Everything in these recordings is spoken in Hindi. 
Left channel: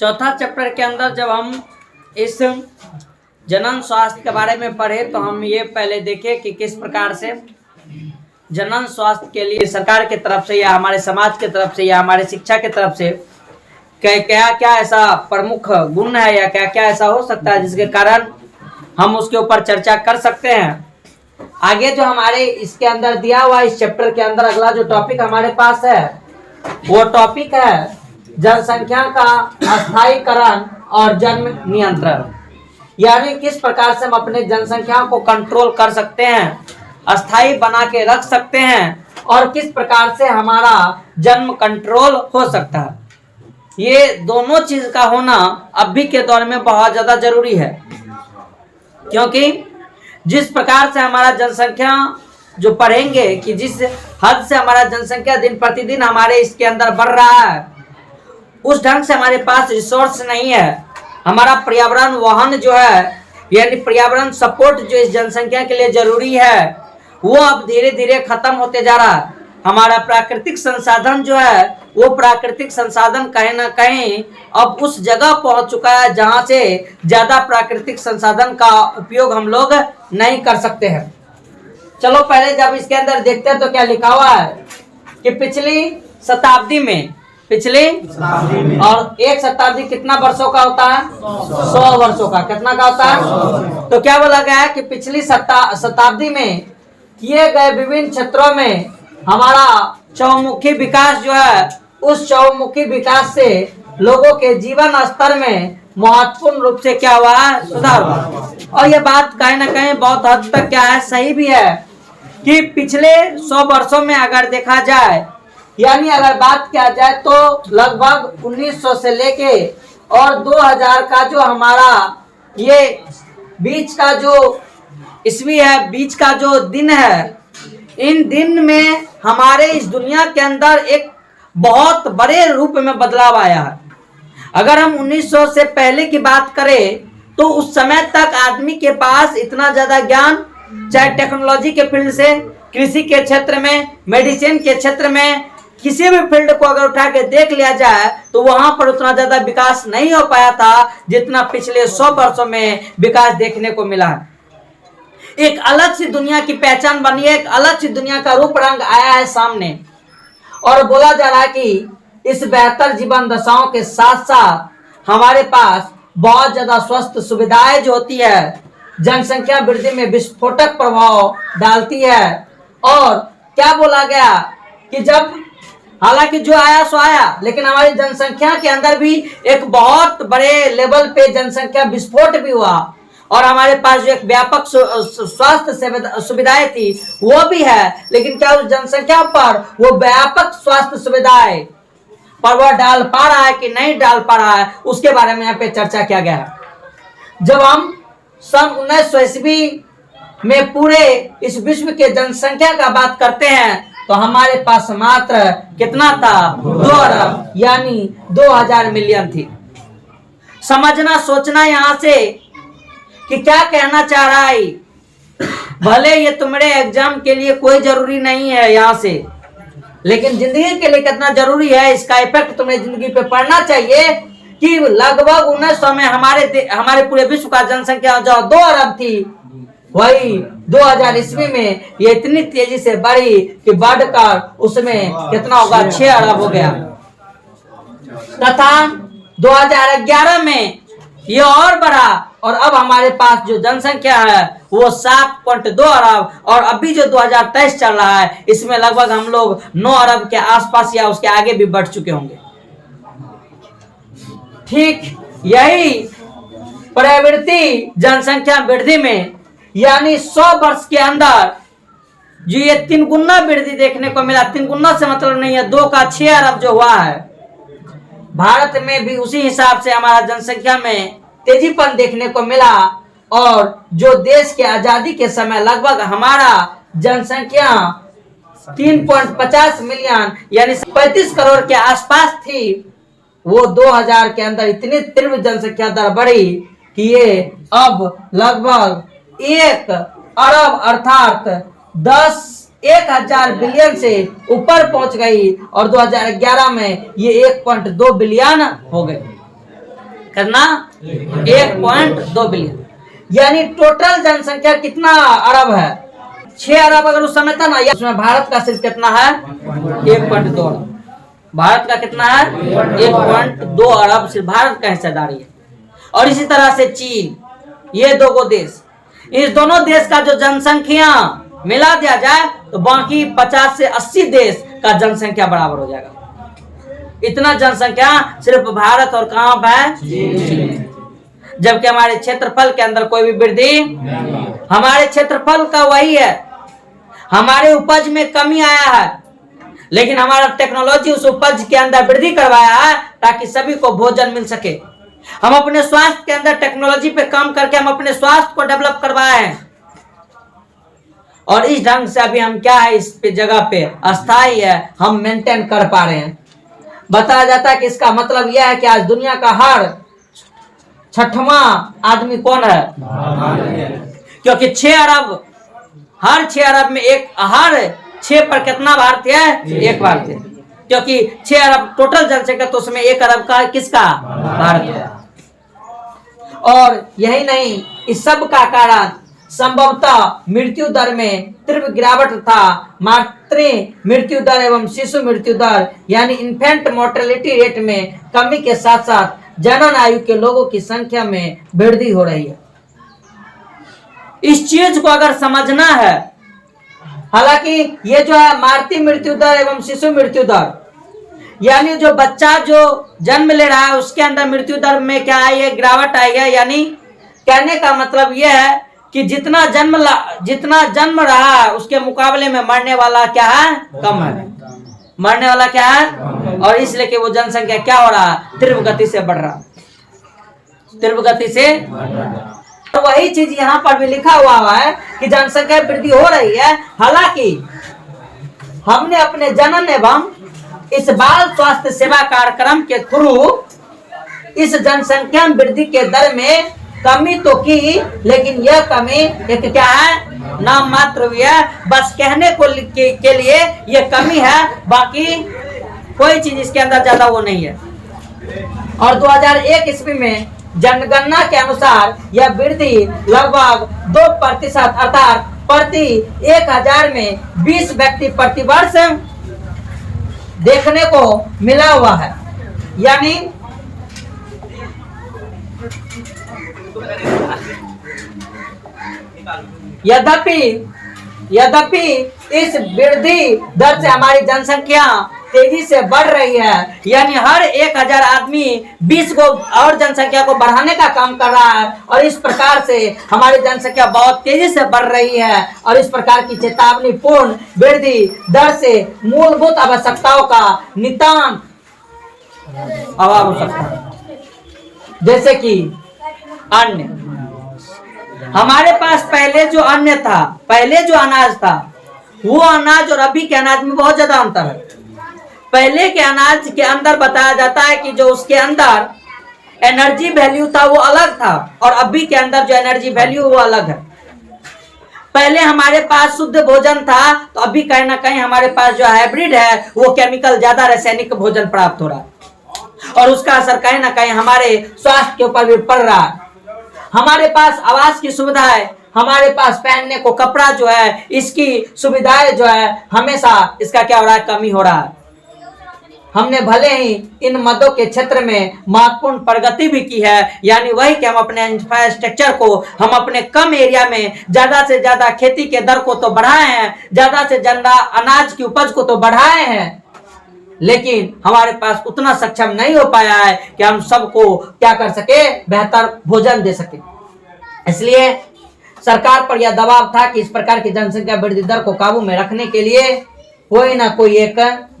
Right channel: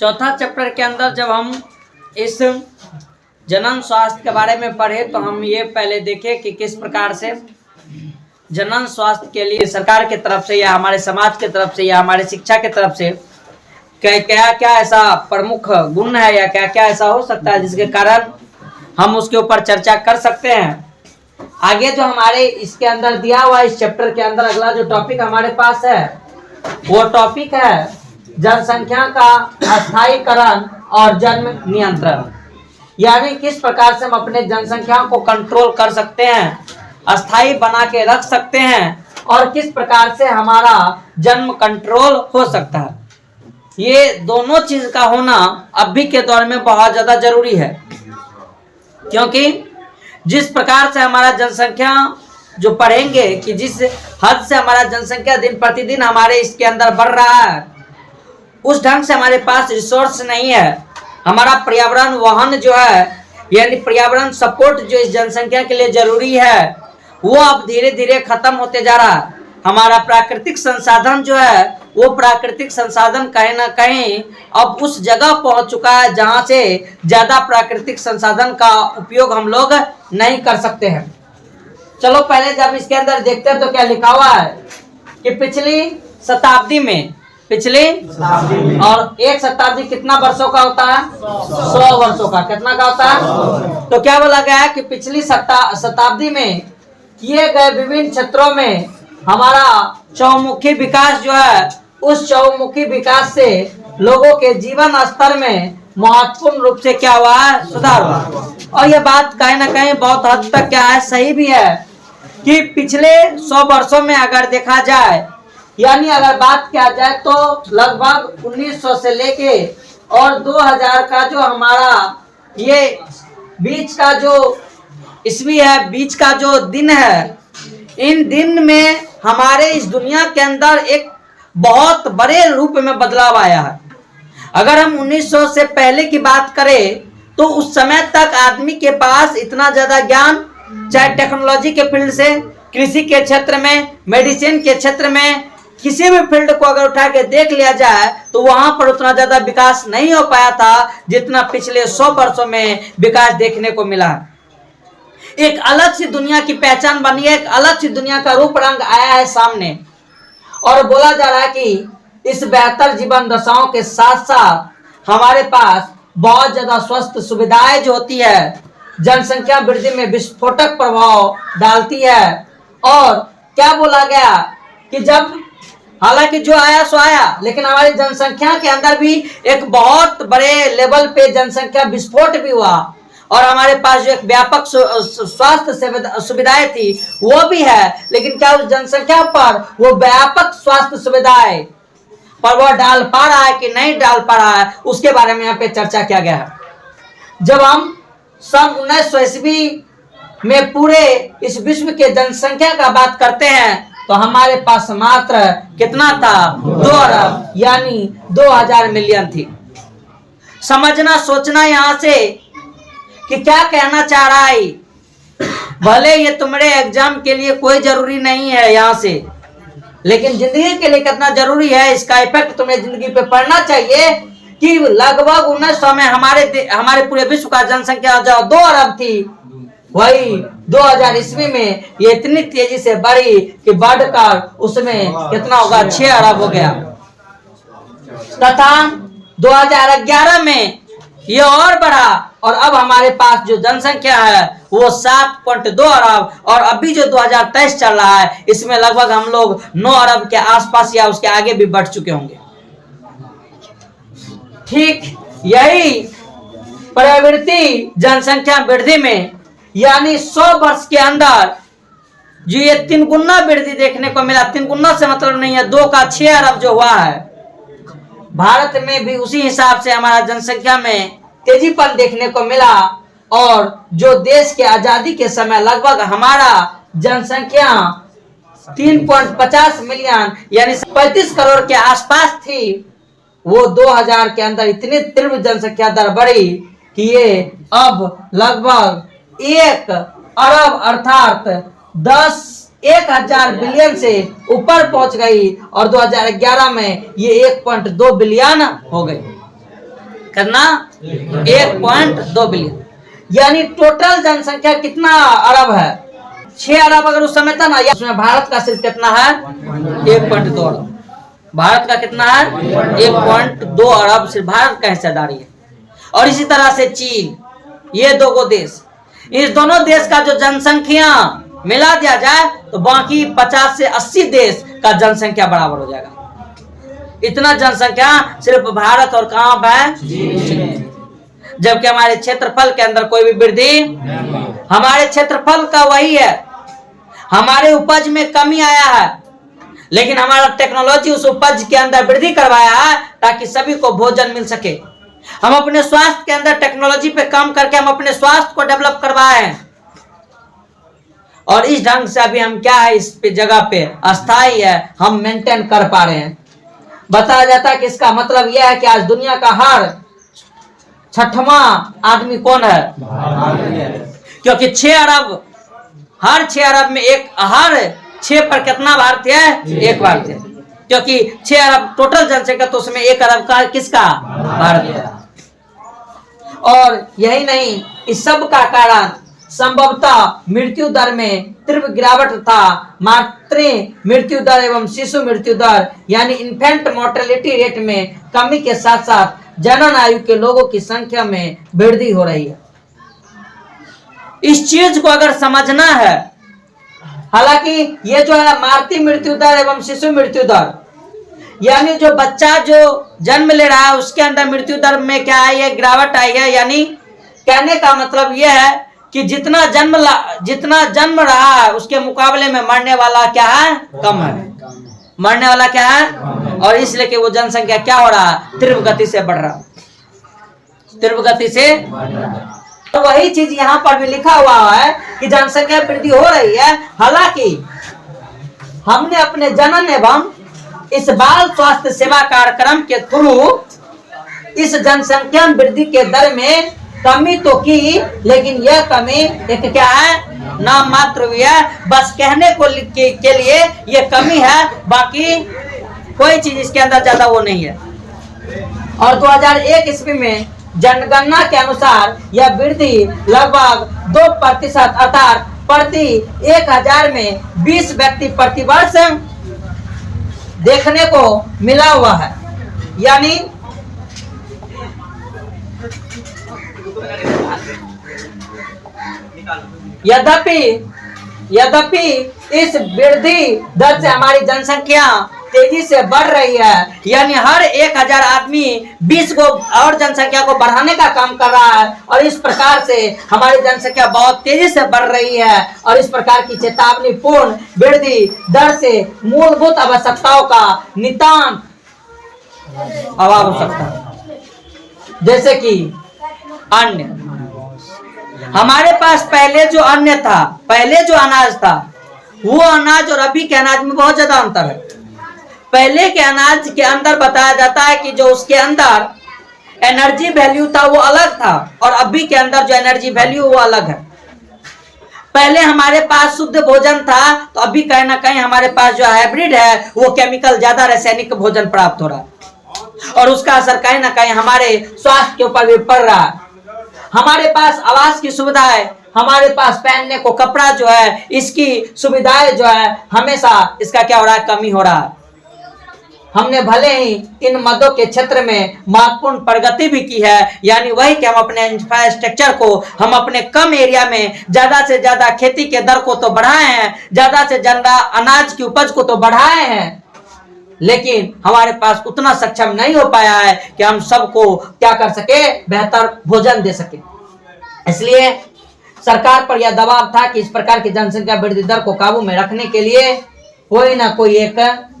चौथा चैप्टर के अंदर जब हम इस जनन स्वास्थ्य के बारे में पढ़े तो हम ये पहले देखे कि किस प्रकार से जनन स्वास्थ्य के लिए सरकार की तरफ से या हमारे समाज की तरफ से या हमारे शिक्षा की तरफ से क्या क्या ऐसा प्रमुख गुण है या क्या क्या ऐसा हो सकता है जिसके कारण हम उसके ऊपर चर्चा कर सकते हैं। आगे जो हमारे इसके अंदर दिया हुआ इस चैप्टर के अंदर अगला जो टॉपिक हमारे पास है वो टॉपिक है जनसंख्या का अस्थायीकरण और जन्म नियंत्रण, यानी किस प्रकार से हम अपने जनसंख्या को कंट्रोल कर सकते हैं, अस्थायी बना के रख सकते हैं और किस प्रकार से हमारा जन्म कंट्रोल हो सकता है। ये दोनों चीज का होना अभी के दौर में बहुत ज्यादा जरूरी है, क्योंकि जिस प्रकार से हमारा जनसंख्या जो पढ़ेंगे कि जिस हद से हमारा जनसंख्या दिन प्रतिदिन हमारे इसके अंदर बढ़ रहा है उस ढंग से हमारे पास रिसोर्स नहीं है। हमारा पर्यावरण वहन जो है यानी पर्यावरण सपोर्ट जो इस जनसंख्या के लिए जरूरी है वो अब धीरे धीरे खत्म होते जा रहा है। हमारा प्राकृतिक संसाधन जो है वो प्राकृतिक संसाधन कहीं ना कहीं अब उस जगह पहुंच चुका है जहां से ज्यादा प्राकृतिक संसाधन का उपयोग हम लोग नहीं कर सकते हैं। चलो पहले जब इसके अंदर देखते हैं तो क्या लिखा हुआ है कि पिछली शताब्दी में और एक शताब्दी कितना वर्षों का होता है? 100 वर्षों का। कितना का होता है? तो क्या बोला गया है कि पिछली शताब्दी में किए गए विभिन्न क्षेत्रों में हमारा चहुमुखी विकास जो है उस चहुमुखी विकास से लोगों के जीवन स्तर में महत्वपूर्ण रूप से क्या हुआ है? सुधार हुआ। और यह बात कहीं ना कहीं बहुत हद तक क्या है सही भी है कि पिछले 100 वर्षों में अगर देखा जाए यानी अगर बात किया जाए तो लगभग 1900 से लेके और 2000 का जो हमारा ये बीच का जो ईस्वी है, बीच का जो दिन है, इन दिन में हमारे इस दुनिया के अंदर एक बहुत बड़े रूप में बदलाव आया है। अगर हम 1900 से पहले की बात करें तो उस समय तक आदमी के पास इतना ज्यादा ज्ञान, चाहे टेक्नोलॉजी के फील्ड से, कृषि के क्षेत्र में, मेडिसिन के क्षेत्र में, किसी भी फील्ड को अगर उठा के देख लिया जाए तो वहां पर उतना ज्यादा विकास नहीं हो पाया था जितना पिछले 100 वर्षों में विकास देखने को मिला है। एक अलग सी दुनिया की पहचान बनी है, एक अलग सी दुनिया का रूप रंग आया है सामने और बोला जा रहा है कि इस बेहतर जीवन दशाओं के साथ साथ हमारे पास बहुत ज्यादा स्वस्थ सुविधाएं जो होती है जनसंख्या वृद्धि में विस्फोटक प्रभाव डालती है। और क्या बोला गया कि जब हालांकि जो आया सो आया लेकिन हमारी जनसंख्या के अंदर भी एक बहुत बड़े लेवल पे जनसंख्या विस्फोट भी हुआ और हमारे पास जो एक व्यापक स्वास्थ्य सुविधाएं थी वो भी है, लेकिन क्या उस जनसंख्या पर वो व्यापक स्वास्थ्य सुविधाएं पर वह डाल पा रहा है कि नहीं डाल पा रहा है उसके बारे में यहाँ पे चर्चा किया गया है। जब हम सन 1900 ईस्वी में पूरे इस विश्व के जनसंख्या का बात करते हैं तो हमारे पास मात्र कितना था? 2 अरब यानी 2000 मिलियन थी। समझना सोचना यहाँ से कि क्या कहना चाह रहा है। भले ये तुम्हारे एग्जाम के लिए कोई जरूरी नहीं है यहाँ से, लेकिन जिंदगी के लिए कितना जरूरी है इसका इफेक्ट तुम्हें जिंदगी पे पड़ना चाहिए कि लगभग 1900 में हमारे पूरे विश्व का जनसंख्या जो 2 अरब थी वही 2000 ईस्वी में ये इतनी तेजी से बढ़ी कि बढ़कर उसमें कितना होगा? 6 अरब हो गया। तथा 2011 में ये और बढ़ा और अब हमारे पास जो जनसंख्या है वो 7.2 अरब और अभी जो 2023 चल रहा है इसमें लगभग हम लोग 9 अरब के आसपास या उसके आगे भी बढ़ चुके होंगे। ठीक यही प्रवृत्ति जनसंख्या वृद्धि में यानी 100 वर्ष के अंदर जो ये 3 गुना वृद्धि देखने को मिला, 3 गुना से मतलब नहीं है 2 का 6 अरब जो हुआ है, भारत में भी उसी हिसाब से हमारा जनसंख्या में तेजीपन देखने को मिला। और जो देश के आजादी के समय लगभग हमारा जनसंख्या 3.50 मिलियन यानी 35 करोड़ के आसपास थी, वो 2000 के अंदर इतनी तीव्र जनसंख्या दर बढ़ी कि ये अब लगभग 1 अरब अर्थात 10 1000 बिलियन से ऊपर पहुंच गई और 2011 में ये 1.2 बिलियन हो गई। करना 1.2 बिलियन, यानी टोटल जनसंख्या कितना अरब है? 6 अरब अगर उस समय था ना, उसमें भारत का सिर्फ कितना है? 1.2 अरब। भारत का कितना है? 1.2 अरब सिर्फ भारत का हिस्सेदारी है। और इसी तरह से चीन, ये दो देश, इस दोनों देश का जो जनसंख्या मिला दिया जाए तो बाकी 50 से 80 देश का जनसंख्या बराबर हो जाएगा। इतना जनसंख्या सिर्फ भारत और कहां है? जबकि हमारे क्षेत्रफल के अंदर कोई भी वृद्धि, हमारे क्षेत्रफल का वही है, हमारे उपज में कमी आया है, लेकिन हमारा टेक्नोलॉजी उस उपज के अंदर वृद्धि करवाया है ताकि सभी को भोजन मिल सके। हम अपने स्वास्थ्य के अंदर टेक्नोलॉजी पे काम करके हम अपने स्वास्थ्य को डेवलप करवाए हैं, और इस ढंग से अभी हम क्या है, इस पे जगह पे अस्थायी है, हम मेंटेन कर पा रहे हैं। बताया जाता है कि इसका मतलब यह है कि आज दुनिया का हर 6वां आदमी कौन है? क्योंकि 6 अरब, हर 6 अरब में हर 6 पर कितना भारतीय है? 1 भारतीय, क्योंकि 6 अरब टोटल जनसंख्या, तो उसमें 1 अरब का किसका? भारत का। और यही नहीं, इस सब का कारण संभवतः मृत्यु दर में तीव्र गिरावट था। मातृ मृत्यु दर एवं शिशु मृत्यु दर यानी इन्फेंट मोर्टेलिटी रेट में कमी के साथ साथ जनन आयु के लोगों की संख्या में वृद्धि हो रही है। इस चीज को अगर समझना है, हालांकि ये जो है मातृ मृत्यु दर एवं शिशु मृत्यु दर, यानी जो बच्चा जो जन्म ले रहा है उसके अंदर मृत्यु दर में क्या है? ये गिरावट आई है। यानी कहने का मतलब यह है कि जितना जन्म रहा है उसके मुकाबले में मरने वाला क्या है? कम है। मरने वाला क्या है? और इसलिए कि वो जनसंख्या क्या हो रहा है? तीव्र गति से बढ़ रहा है, तीव्र गति से। तो वही चीज यहाँ पर भी लिखा हुआ है कि जनसंख्या वृद्धि हो रही है। हालांकि हमने अपने जनन एवं इस बाल स्वास्थ्य सेवा कार्यक्रम के थ्रू इस जनसंख्या वृद्धि के दर में कमी तो की, लेकिन यह कमी एक क्या है? नाम मात्र भी है, बस कहने को के लिए यह कमी है, बाकी कोई चीज इसके अंदर ज्यादा वो नहीं है। और 2001 ईस्वी में जनगणना के अनुसार यह वृद्धि लगभग 2% अर्थात प्रति 1000 में 20 व्यक्ति प्रति वर्ष देखने को मिला हुआ है। यानी यद्यपि इस वृद्धि दर से हमारी जनसंख्या तेजी से बढ़ रही है, यानी हर 1000 आदमी 20 को और जनसंख्या को बढ़ाने का काम कर रहा है, और इस प्रकार से हमारी जनसंख्या बहुत तेजी से बढ़ रही है। और इस प्रकार की चेतावनीपूर्ण वृद्धि दर से मूलभूत आवश्यकताओं का नितांत अभाव हो सकता है, जैसे कि अन्न। हमारे पास पहले जो अन्न था, पहले जो अनाज था, वो अनाज और अभी के अनाज में बहुत ज्यादा अंतर है। पहले के अनाज के अंदर बताया जाता है कि जो उसके अंदर एनर्जी वैल्यू था वो अलग था, और अभी के अंदर जो एनर्जी वैल्यू वो अलग है। पहले हमारे पास शुद्ध भोजन था, तो अभी कहीं ना कहीं हमारे पास जो हाइब्रिड है वो केमिकल ज्यादा रासायनिक भोजन प्राप्त हो रहा है, और उसका असर कहीं ना कहीं हमारे स्वास्थ्य के ऊपर भी पड़ रहा है। हमारे पास आवास की सुविधा है, हमारे पास पहनने को कपड़ा जो है, इसकी सुविधाएं जो है, हमेशा इसका क्या हो रहा है? कमी हो रहा है। हमने भले ही इन मदों के क्षेत्र में महत्वपूर्ण प्रगति भी की है, यानी वही कि हम अपने इंफ्रास्ट्रक्चर को, हम अपने कम एरिया में ज्यादा से ज्यादा खेती के दर को तो बढ़ाए हैं, ज्यादा से ज्यादा अनाज की उपज को तो बढ़ाए हैं, लेकिन हमारे पास उतना सक्षम नहीं हो पाया है कि हम सबको क्या कर सके? बेहतर भोजन दे सके। इसलिए सरकार पर यह दबाव था कि इस प्रकार की जनसंख्या वृद्धि दर को काबू में रखने के लिए कोई ना कोई एक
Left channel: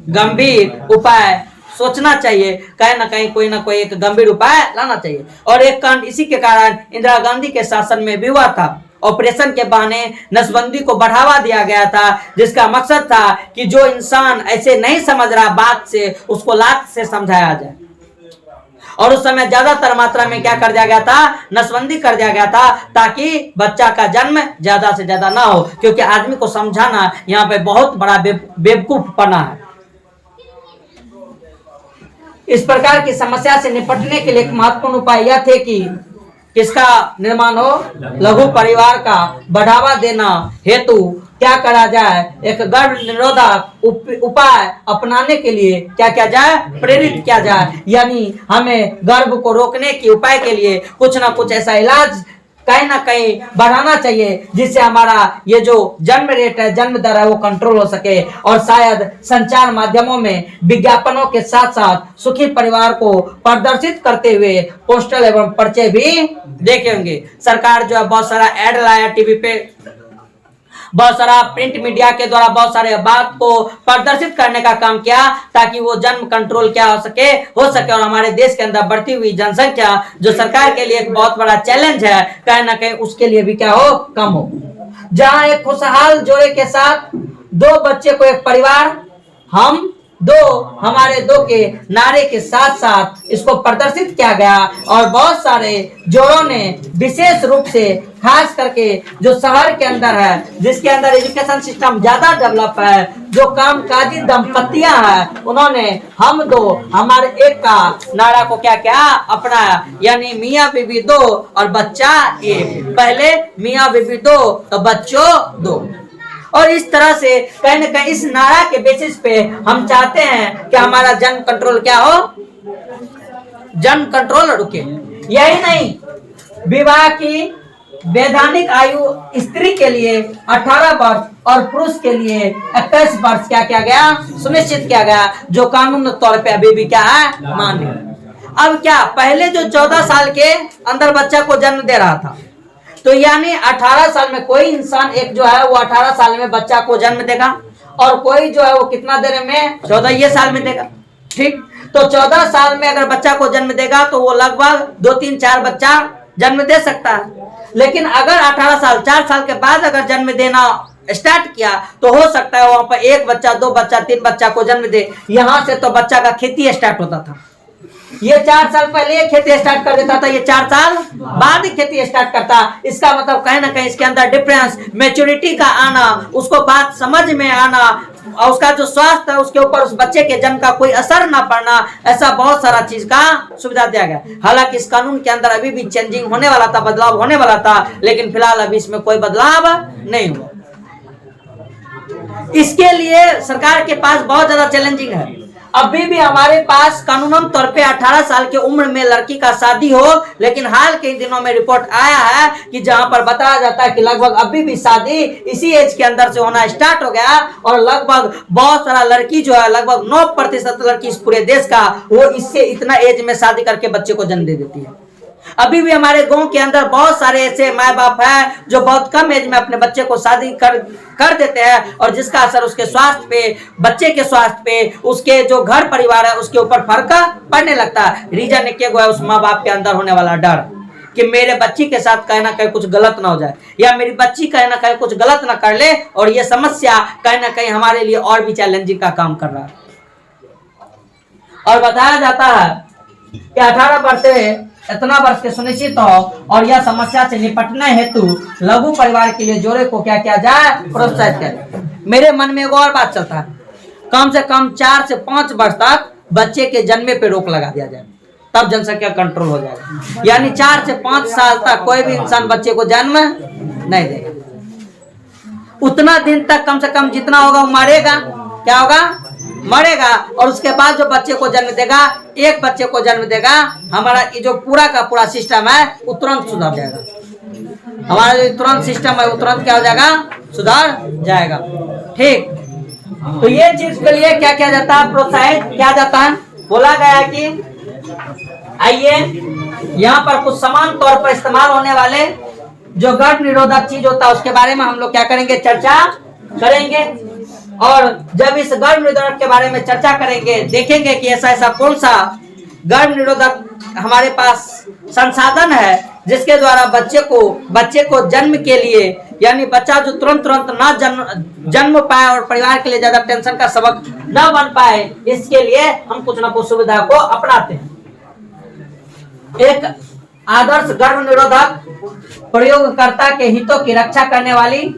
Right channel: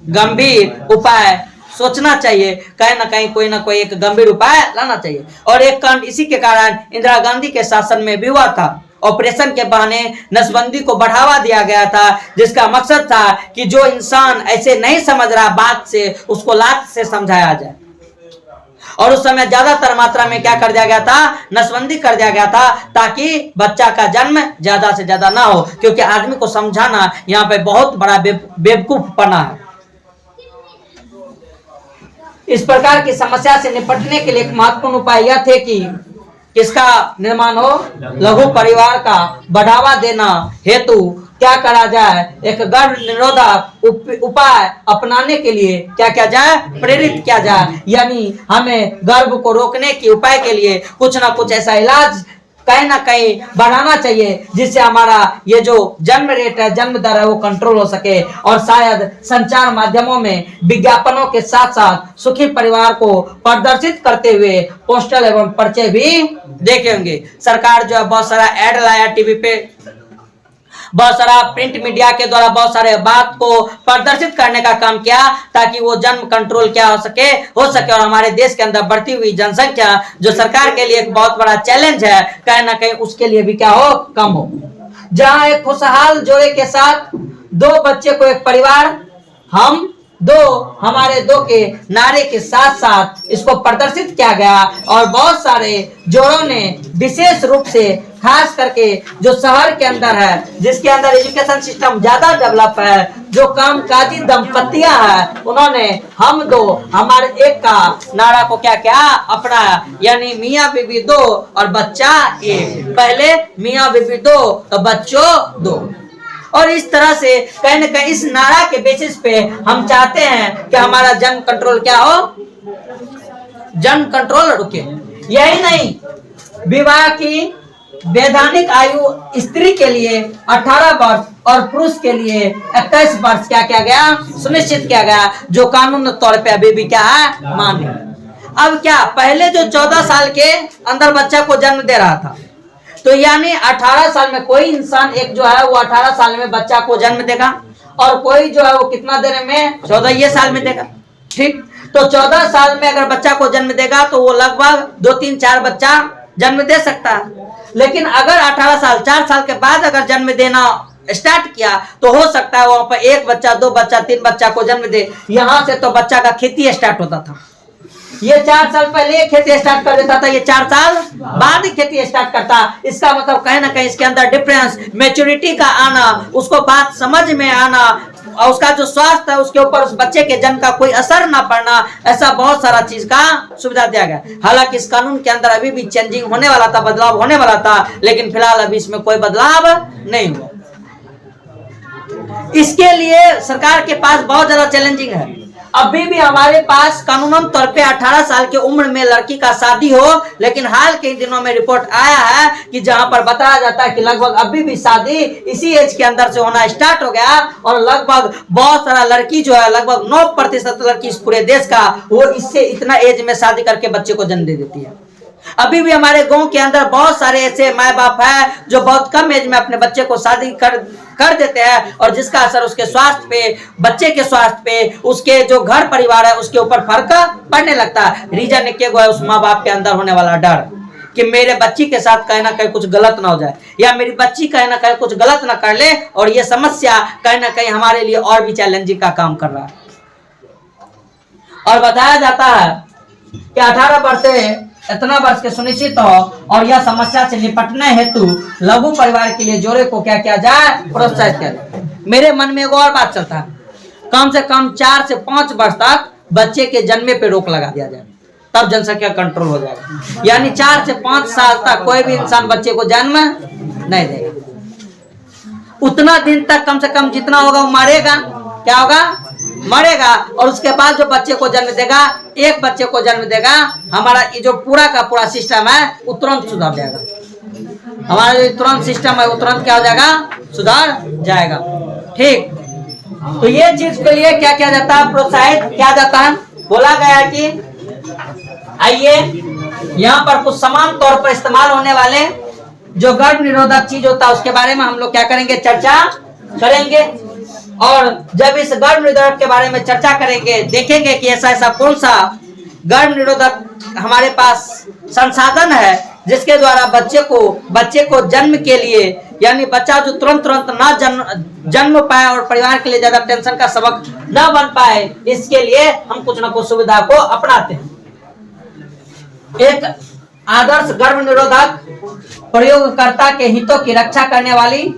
गंभीर उपाय सोचना चाहिए, कहीं ना कहीं कोई ना कोई एक गंभीर उपाय लाना चाहिए। और एक कांड इसी के कारण इंदिरा गांधी के शासन में भी हुआ था। ऑपरेशन के बहाने नसबंदी को बढ़ावा दिया गया था, जिसका मकसद था कि जो इंसान ऐसे नहीं समझ रहा बात से, उसको लात से समझाया जाए। और उस समय ज्यादातर मात्रा में क्या कर दिया गया था, नसबंदी कर दिया गया था, ताकि बच्चा का जन्म ज्यादा से ज्यादा ना हो, क्योंकि आदमी को समझाना यहाँ पे बहुत बड़ा बेवकूफपना है। इस प्रकार की समस्या से निपटने के लिए एक महत्वपूर्ण उपाय यह थे कि किसका निर्माण हो, लघु परिवार का बढ़ावा देना हेतु क्या करा जाए, एक गर्भ निरोधक उपाय अपनाने के लिए क्या किया जाए, प्रेरित किया जाए। यानी हमें गर्भ को रोकने के उपाय के लिए कुछ ना कुछ ऐसा इलाज कहीं ना कहीं बढ़ाना चाहिए, जिससे हमारा ये जो जन्म रेट है, जन्म दर है, वो कंट्रोल हो सके। और शायद संचार माध्यमों में विज्ञापनों के साथ साथ सुखी परिवार को प्रदर्शित करते हुए पोस्टर एवं पर्चे भी देखे होंगे। सरकार जो है बहुत सारा एड लाया टीवी पे, बहुत सारा प्रिंट मीडिया के द्वारा बहुत सारे बात को प्रदर्शित करने का काम किया, ताकि वो जन्म कंट्रोल क्या हो सके और हमारे देश के अंदर बढ़ती हुई जनसंख्या जो सरकार के लिए एक बहुत बड़ा चैलेंज है, कहीं ना कहीं उसके लिए भी क्या हो, कम हो। जहां एक खुशहाल जोड़े के साथ 2 बच्चे को एक परिवार, हम दो, हमारे दो के नारे के साथ साथ इसको प्रदर्शित किया गया। और बहुत सारे जोड़ों ने विशेष रूप से खास करके जो शहर के अंदर है, जिसके अंदर एजुकेशन सिस्टम ज्यादा डेवलप है, जो कामकाजी दंपतियां हैं, उन्होंने हम 2 हमारे एक का नारा को क्या क्या अपनाया। यानी मियाँ बीबी 2 और बच्चा 1। पहले मियाँ बीबी 2 तो बच्चों 2। और इस तरह से कहीं न कहीं इस नारा के बेसिस पे हम चाहते हैं कि हमारा जन्म कंट्रोल क्या हो, जन्म कंट्रोल रुके। यही नहीं, विवाह की वैधानिक आयु स्त्री के लिए 18 वर्ष और पुरुष के लिए 21 वर्ष क्या किया गया, सुनिश्चित किया गया, जो कानून तौर पे अभी भी क्या है, मान्य। अब क्या, पहले जो 14 साल के अंदर बच्चा को जन्म दे रहा था, तो यानी 18 साल में कोई इंसान एक जो है वो 18 साल में बच्चा को जन्म देगा, और कोई जो है वो कितना देर में, 14 साल में देगा। ठीक, तो 14 साल में अगर बच्चा को जन्म देगा तो वो लगभग 2, 3, 4 बच्चा जन्म दे सकता है। लेकिन अगर 18 साल 4 साल के बाद अगर जन्म देना स्टार्ट किया तो हो सकता है वहां पर 1 बच्चा, 2 बच्चा, 3 बच्चा को जन्म दे। यहां से तो बच्चा का खेती स्टार्ट होता था। ये 4 साल पहले खेती स्टार्ट कर देता था, ये 4 साल बाद ही खेती स्टार्ट करता। इसका मतलब कहीं ना कहीं इसके अंदर डिफरेंस, मैच्योरिटी का आना, उसको बात समझ में आना, और उसका जो स्वास्थ्य है उसके ऊपर उस बच्चे के जन्म का कोई असर ना पड़ना, ऐसा बहुत सारा चीज का सुविधा दिया गया। हालांकि इस कानून के अंदर अभी भी चेंजिंग होने वाला था, बदलाव होने वाला था, लेकिन फिलहाल अभी इसमें कोई बदलाव नहीं हुआ। इसके लिए सरकार के पास बहुत ज्यादा चैलेंजिंग है। अभी भी हमारे पास कानूनन तौर पे 18 साल की उम्र में लड़की का शादी हो, लेकिन हाल के दिनों में रिपोर्ट आया है कि जहां पर बताया जाता है कि लगभग अभी भी शादी इसी एज के अंदर से होना स्टार्ट हो गया, और लगभग बहुत सारा लड़की जो है, लगभग 9% लड़की इस पूरे देश का, वो इससे इतना एज में शादी करके बच्चे को जन्म दे देती है। अभी भी हमारे गांव के अंदर बहुत सारे ऐसे माँ बाप हैं जो बहुत कम एज में अपने बच्चे को शादी कर देते हैं, और जिसका असर उसके स्वास्थ्य पे, बच्चे के स्वास्थ्य पे, उसके जो घर परिवार है उसके ऊपर फर्क पड़ने लगता है। रीजन एक है, उस माँ बाप के अंदर होने वाला डर कि मेरे बच्ची के साथ कहीं ना कहीं कुछ गलत ना हो जाए, या मेरी बच्ची कहीं ना कहीं कुछ गलत ना कर ले, और ये समस्या कहीं ना कहीं हमारे लिए और भी चैलेंजिंग का काम कर रहा है। और बताया जाता है कि 18 वर्ष से इतना वर्ष के सुनिश्चित हो, और यह समस्या से निपटने हेतु लघु परिवार के लिए जोड़े को क्या किया जाए, प्रोत्साहित किया जाए। मेरे मन में एक और बात चलता है, कम से कम 4 से 5 वर्ष तक बच्चे के जन्मे पे रोक लगा दिया जाए, तब जनसंख्या कंट्रोल हो जाएगा। यानी 4 से 5 साल तक कोई भी इंसान बच्चे को जन्म नहीं देगा। उतना दिन तक कम से कम जितना होगा वो मरेगा, क्या होगा, मरेगा। और उसके बाद जो बच्चे को जन्म देगा, एक बच्चे को जन्म देगा, हमारा ये जो पूरा का पूरा सिस्टम है वो तुरंत सुधर जाएगा। हमारा जो तुरंत सिस्टम है वो तुरंत क्या हो जाएगा, सुधर जाएगा। ठीक, तो ये चीज के लिए क्या किया जाता है, प्रोत्साहित किया जाता है। बोला गया है कि आइए यहाँ पर कुछ समान तौर पर इस्तेमाल होने वाले जो गर्भ निरोधक चीज होता है उसके बारे में हम लोग क्या करेंगे, चर्चा करेंगे। और जब इस गर्भ निरोधक के बारे में चर्चा करेंगे, देखेंगे कि ऐसा कौन सा गर्भ निरोधक हमारे पास संसाधन है जिसके द्वारा बच्चे को जन्म के लिए, यानी बच्चा जो तुरंत ना जन्म पाए और परिवार के लिए ज्यादा टेंशन का सबक न बन पाए, इसके लिए हम कुछ न कुछ सुविधा को अपनाते हैं। एक आदर्श गर्भ निरोधक प्रयोगकर्ता के हितों की रक्षा करने वाली,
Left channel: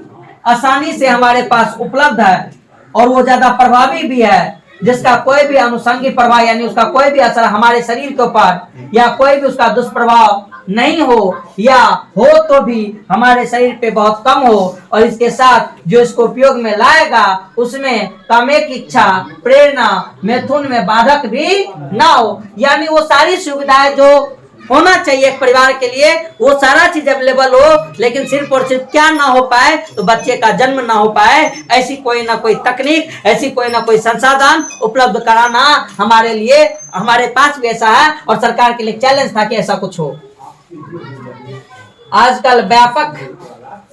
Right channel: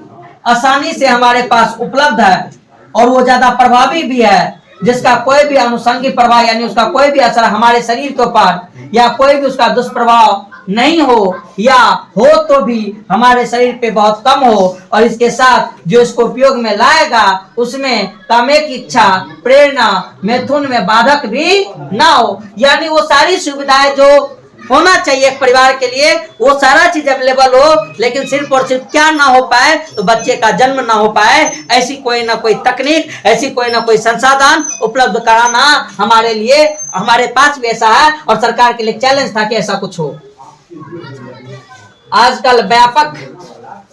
आसानी से हमारे पास उपलब्ध है और वो ज्यादा प्रभावी भी है, जिसका कोई भी अनुषंगी प्रभाव यानी उसका कोई भी असर हमारे शरीर के ऊपर या कोई भी उसका दुष्प्रभाव नहीं हो, या हो तो भी हमारे शरीर पे बहुत कम हो, और इसके साथ जो इसको उपयोग में लाएगा उसमें कामिक इच्छा, प्रेरणा, मैथुन में बाधक भी ना हो। यानी वो सारी सुविधाएं जो होना चाहिए एक परिवार के लिए, वो सारा चीज अवेलेबल हो, लेकिन सिर्फ और सिर्फ क्या ना हो पाए, तो बच्चे का जन्म ना हो पाए। ऐसी कोई ना कोई तकनीक, ऐसी कोई ना कोई संसाधन उपलब्ध कराना हमारे लिए, हमारे पास भी ऐसा है और सरकार के लिए चैलेंज था कि ऐसा कुछ हो। आजकल व्यापक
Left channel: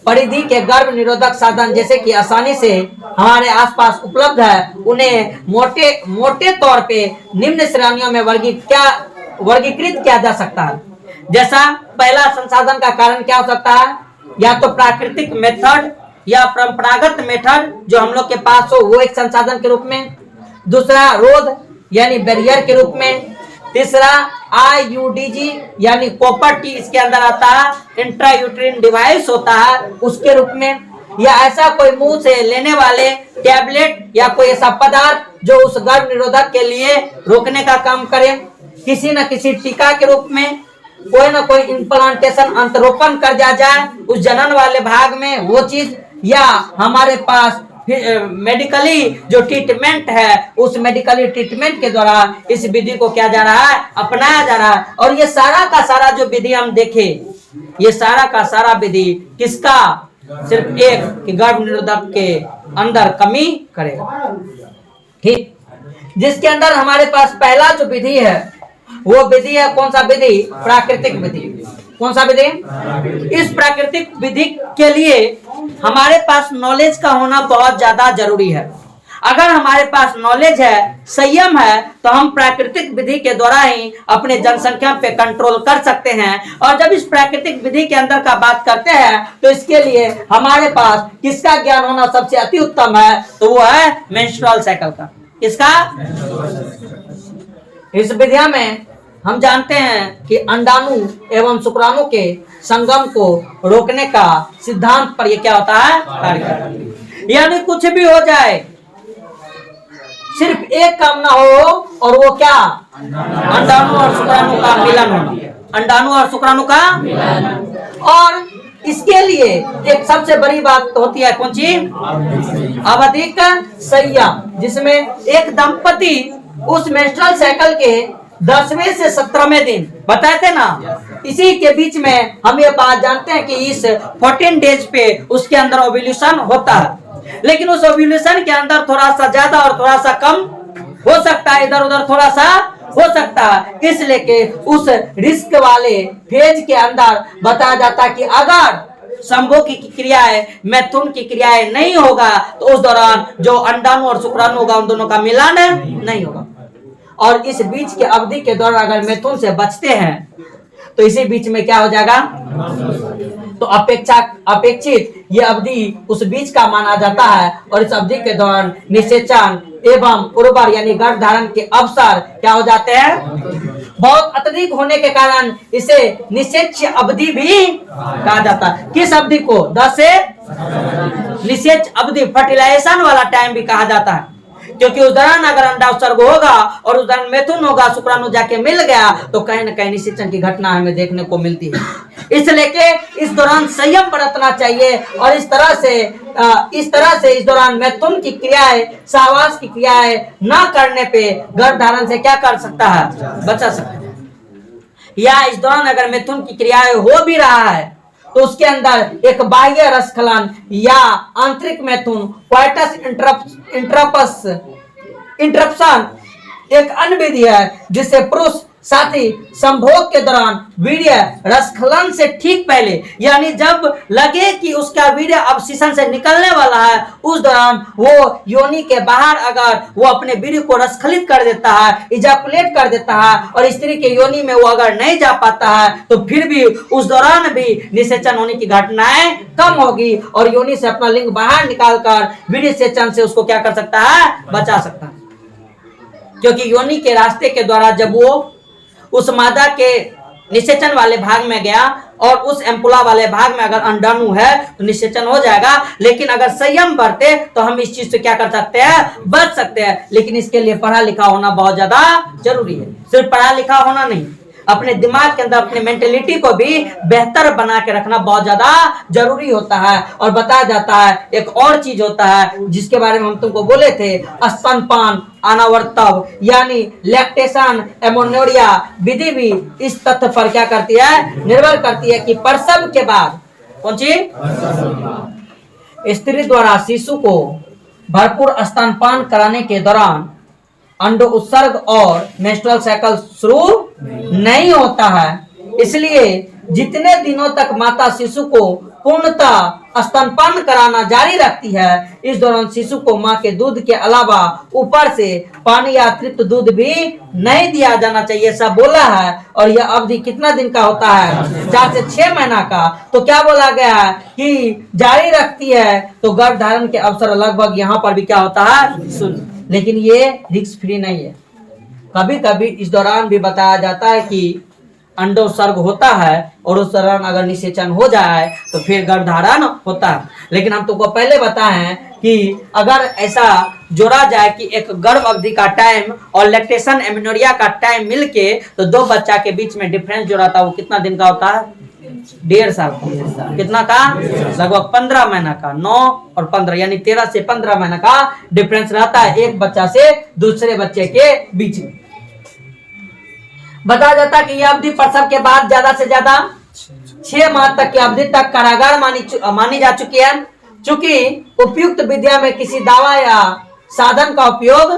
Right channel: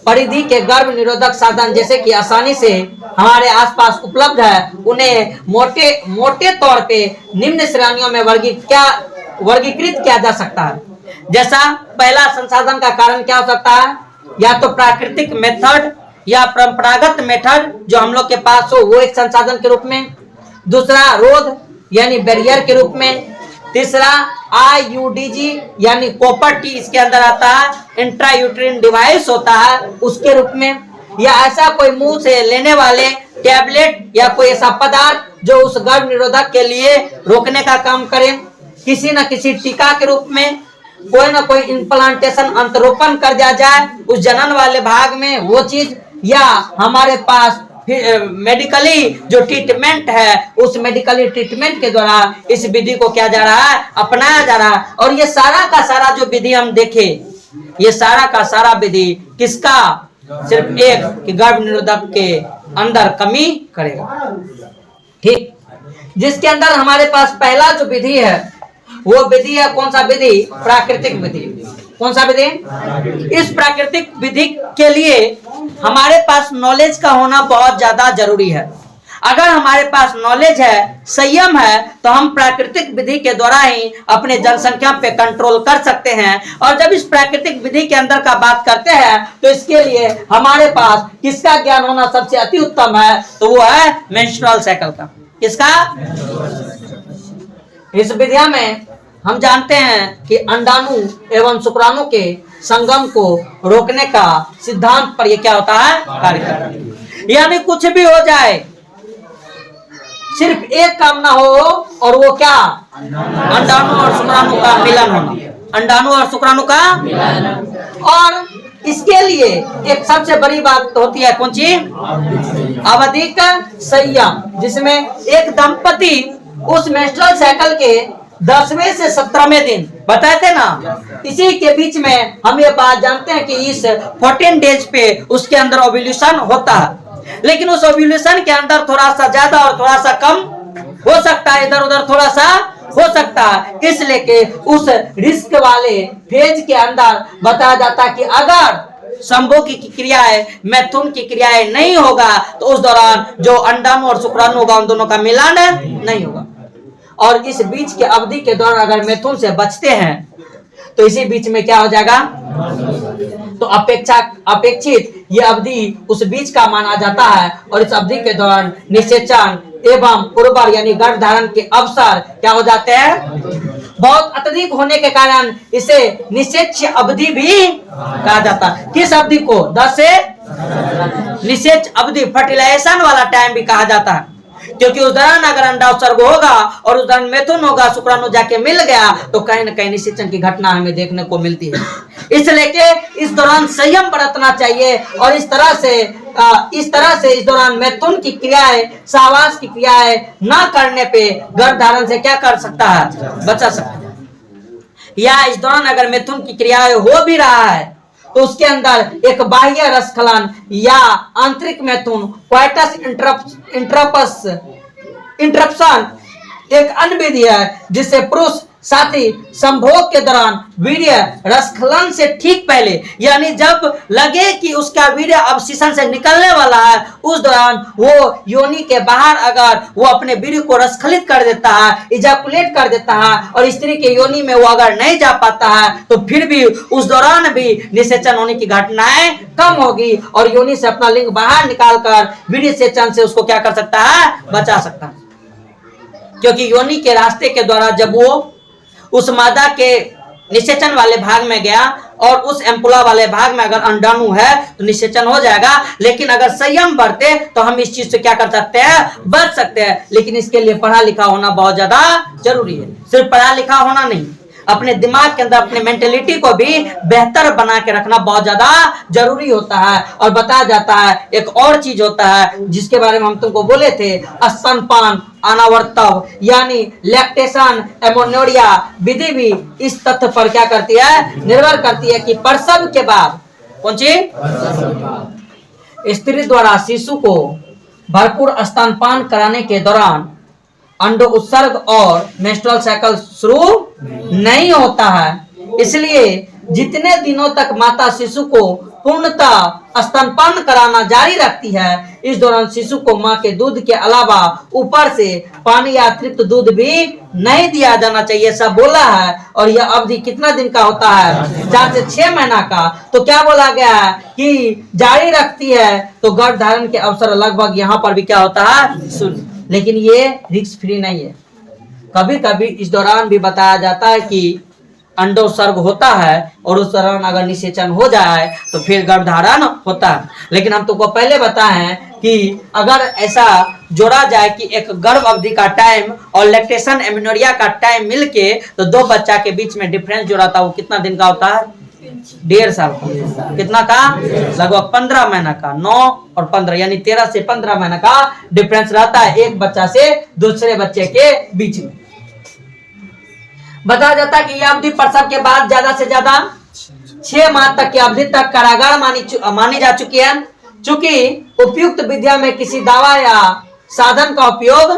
परिधि के गर्भ निरोधक साधन जैसे कि आसानी से हमारे आसपास उपलब्ध है, उन्हें मोटे तौर पे निम्न श्रेणियों में वर्गीकृत किया जा सकता है। जैसा पहला संसाधन का कारण क्या हो सकता है, या तो प्राकृतिक मेथड या परंपरागत मेथड जो हम लोग के पास हो, वो एक संसाधन के रूप में। दूसरा रोध यानी बैरियर के रूप में। तीसरा IUDG यानी कॉपर टी इसके अंदर आता है, इंट्रायूट्रिन डिवाइस होता है उसके रूप में, या ऐसा कोई मुंह से लेने वाले टैबलेट या कोई ऐसा पदार्थ जो उस गर्भ निरोधक के लिए रोकने का काम करे। किसी न किसी टीका के रूप में, कोई ना कोई इम्प्लांटेशन अंतरोपण कर दिया जाए उस जनन वाले भाग में वो चीज, या हमारे पास मेडिकली जो ट्रीटमेंट है उस मेडिकली ट्रीटमेंट के द्वारा इस विधि को क्या जा रहा है, अपनाया जा रहा है। और ये सारा का सारा जो विधि हम देखें, ये सारा का सारा विधि किसका, सिर्फ एक कि गर्भ निरोधक के अंदर कमी करेगा। ठीक, जिसके अंदर हमारे पास पहला जो विधि है वो विधि है कौन सा विधि, प्राकृतिक विधि। कौन सा विधि? इस प्राकृतिक विधि के लिए हमारे पास नॉलेज का होना बहुत ज्यादा जरूरी है। अगर हमारे पास नॉलेज है, संयम है, तो हम प्राकृतिक विधि के द्वारा ही अपने जनसंख्या पे कंट्रोल कर सकते हैं। और जब इस प्राकृतिक विधि के अंदर का बात करते हैं तो इसके लिए हमारे पास किसका ज्ञान होना सबसे अति उत्तम है, तो वो है मेंस्ट्रुअल साइकिल का। किसका? इस विधिया में हम जानते हैं कि अंडाणु एवं शुक्राणु के संगम को रोकने का सिद्धांत पर यह क्या होता है, कार्य करता है। यानी कुछ भी हो जाए, सिर्फ एक काम ना हो, और वो क्या, अंडाणु और शुक्राणु का मिलन होना। अंडाणु और शुक्राणु का मिलन। और इसके लिए एक सबसे बड़ी बात तो होती है कौन सी, आवधिक संयम, जिसमें एक दंपति उस मेंस्ट्रुअल साइकिल के 10वें से 17वें दिन बताए थे ना, इसी के बीच में हम ये बात जानते हैं कि इस 14 डेज पे उसके अंदर ओव्यूलेशन होता है। लेकिन उस ओव्यूलेशन के अंदर थोड़ा सा ज्यादा और थोड़ा सा कम हो सकता है, इधर उधर थोड़ा सा हो सकता है। इसलिए कि उस रिस्क वाले फेज के अंदर बताया जाता है कि अगर संभोग की क्रियाएं, मैथुन की क्रियाएं नहीं होगा तो उस दौरान जो अंडाणु और शुक्राणु होगा उन दोनों का मिलन नहीं होगा। और इस बीच के अवधि के दौरान अगर मैथुन से बचते हैं तो इसी बीच में क्या हो जाएगा, तो अपेक्षित ये अवधि उस बीच का माना जाता है। और इस अवधि के दौरान निषेचन एवं उर्वर यानी गर्भ धारण के अवसर क्या हो जाते हैं, बहुत अत्यधिक होने के कारण इसे निषेच अवधि भी कहा जाता है। किस अवधि को, 10 से निषेच अवधि, फर्टिलाइजेशन वाला टाइम भी कहा जाता है। क्योंकि उस दौरान अगर अंडा उत्सर्ग होगा और उस दौरान मैथुन होगा, शुक्राणु जाके मिल गया, तो कहीं न कहीं निषेचन की घटना हमें देखने को मिलती है। इसलिए कि इस दौरान संयम बरतना चाहिए। और इस तरह से इस दौरान मैथुन की क्रियाएं, सहवास की क्रियाएं न करने पे गर्भ धारण से क्या कर सकता है, बचा सकता है। या इस दौरान अगर मैथुन की क्रियाएं हो भी रहा है तो उसके अंदर एक बाह्य रसखलन या आंतरिक मैथुन, क्वाइटस इंटरप्शन एक अन्य विधि है जिससे पुरुष साथी संभोग के दौरान वीर्य रसखलन से ठीक पहले, यानी जब लगे कि उसका वीर्य अब शीशन से निकलने वाला है, उस दौरान वो योनि के बाहर अगर वो अपने वीर्य को रसखलित कर देता है, इजाकुलेट कर देता है, और स्त्री के योनि में वो अगर नहीं जा पाता है तो फिर भी उस दौरान भी निषेचन होने की घटनाएं कम होगी और योनि से अपना लिंग बाहर निकालकर वीर्य सेचन से उसको क्या कर सकता है, बचा सकता है। क्योंकि योनि के रास्ते के द्वारा जब वो उस मादा के निषेचन वाले भाग में गया और उस एम्पुला वाले भाग में अगर अंडाणु है तो निषेचन हो जाएगा। लेकिन अगर संयम बरते तो हम इस चीज से क्या कर सकते हैं, बच सकते हैं। लेकिन इसके लिए पढ़ा लिखा होना बहुत ज्यादा जरूरी है। सिर्फ पढ़ा लिखा होना नहीं, अपने दिमाग के अंदर अपने मेंटेलिटी को भी बेहतर बना के रखना बहुत ज्यादा जरूरी होता है। और बताया जाता है एक और चीज होता है जिसके बारे में हम तुमको बोले थे, स्तनपान अनावर्तव यानी लैक्टेशन एमोनोरिया विधि भी इस तथ्य पर क्या करती है, निर्भर करती है कि प्रसव के बाद कौन सी स्त्री द्वारा शिशु को भरपूर स्तनपान कराने के दौरान अंडो उत्सर्ग और मेंस्ट्रुअल साइकिल शुरू नहीं होता है। इसलिए जितने दिनों तक माता शिशु को पूर्णतः स्तनपान कराना जारी रखती है, इस दौरान शिशु को मां के दूध के अलावा ऊपर से पानी या अतिरिक्त दूध भी नहीं दिया जाना चाहिए, सब बोला है। और यह अवधि कितना दिन का होता है, 4 से 6 महीना का। तो क्या बोला गया है कि जारी रखती है, तो गर्भ धारण के अवसर लगभग यहाँ पर भी क्या होता है, शून्य। लेकिन ये रिस्क फ्री नहीं है। कभी कभी इस दौरान भी बताया जाता है कि अंडोत्सर्ग होता है और उस दौरान अगर निषेचन हो जाए तो फिर गर्भधारण होता है। लेकिन हम तुमको पहले बताए हैं कि अगर ऐसा जोड़ा जाए कि एक गर्भ अवधि का टाइम और लैक्टेशन एमेनोरिया का टाइम मिलके तो 2 बच्चा के बीच में डिफरेंस जो रहता है वो कितना दिन का होता है, 1.5 साल का। कितना का, लगभग 15 महीना का। 9 और 15 यानी 13 से 15 महीना का डिफरेंस रहता है एक बच्चा से दूसरे बच्चे के बीच में। बताया जाता है कि यह अवधि प्रसव के बाद ज्यादा से ज्यादा 6 माह तक की अवधि तक कारागार मानी जा चुकी है। चूंकि उपयुक्त विद्या में किसी दवा या साधन का उपयोग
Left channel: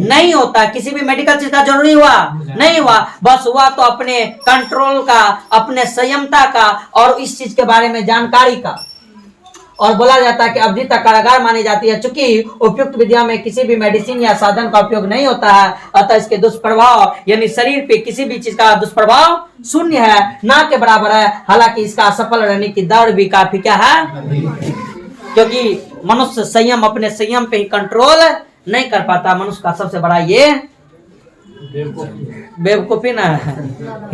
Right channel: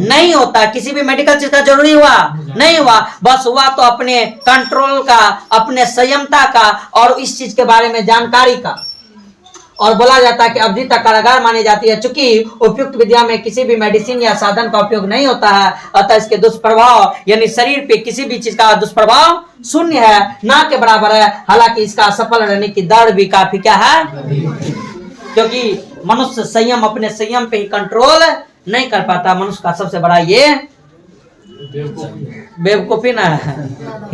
नहीं होता, किसी भी मेडिकल चीज का जरूरी हुआ नहीं हुआ, बस हुआ तो अपने कंट्रोल का, अपने संयमता का और इस चीज के बारे में जानकारी का। और बोला जाता है कि अवधि तक कारागार मानी जाती है। चूंकि उपयुक्त विद्या में किसी भी मेडिसिन या साधन का उपयोग नहीं होता है, अतः इसके दुष्प्रभाव यानी शरीर पे किसी भी चीज का दुष्प्रभाव शून्य है, ना के बराबर है। हालांकि इसका सफल रहने की दर भी काफी क्या है, क्योंकि मनुष्य संयम, अपने संयम पे ही कंट्रोल नहीं कर पाता। मनुष्य का सबसे बड़ा ये बेवकूफी ना है।